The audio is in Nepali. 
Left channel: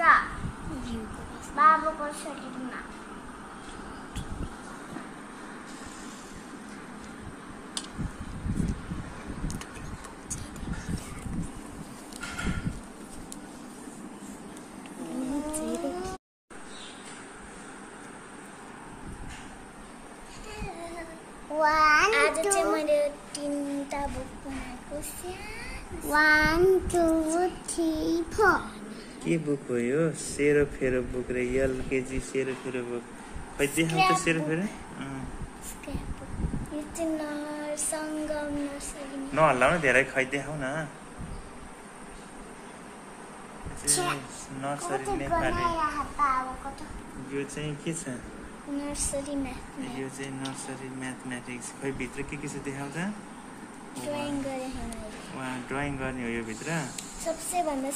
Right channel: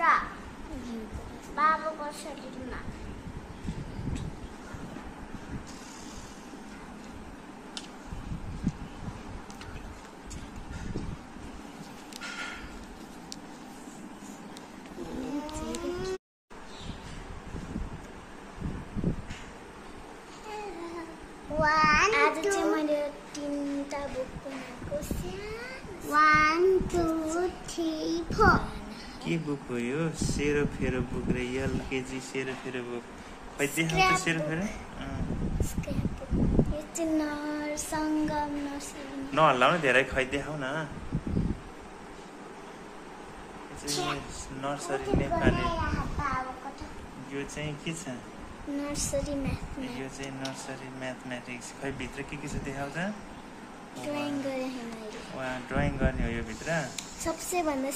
बाहिरतिर बाबुको शरीरमा आज चाहिँ मैले 3टा बुक बनाएको छु 1 2 3 4 के बुक हो यो सेरोफेरो बुक र एलकेजी सेरोफेरो बुक खै देखाउ त सेरोफेरो यो चाहिँ सङ्गम नर्सरी नहल्लाउनु धेरै खै देखाउ न नर्सरी नेपाली यो चाहिँ के छ नर्सरी म्याथ यो चाहिँ नर्सरी म्याथमेटिक्स खै भित्र के छ देखाउ त ड्राइङ गरे हैन वा ड्राइङ गर्ने हो यो भित्र सबसे भन्दा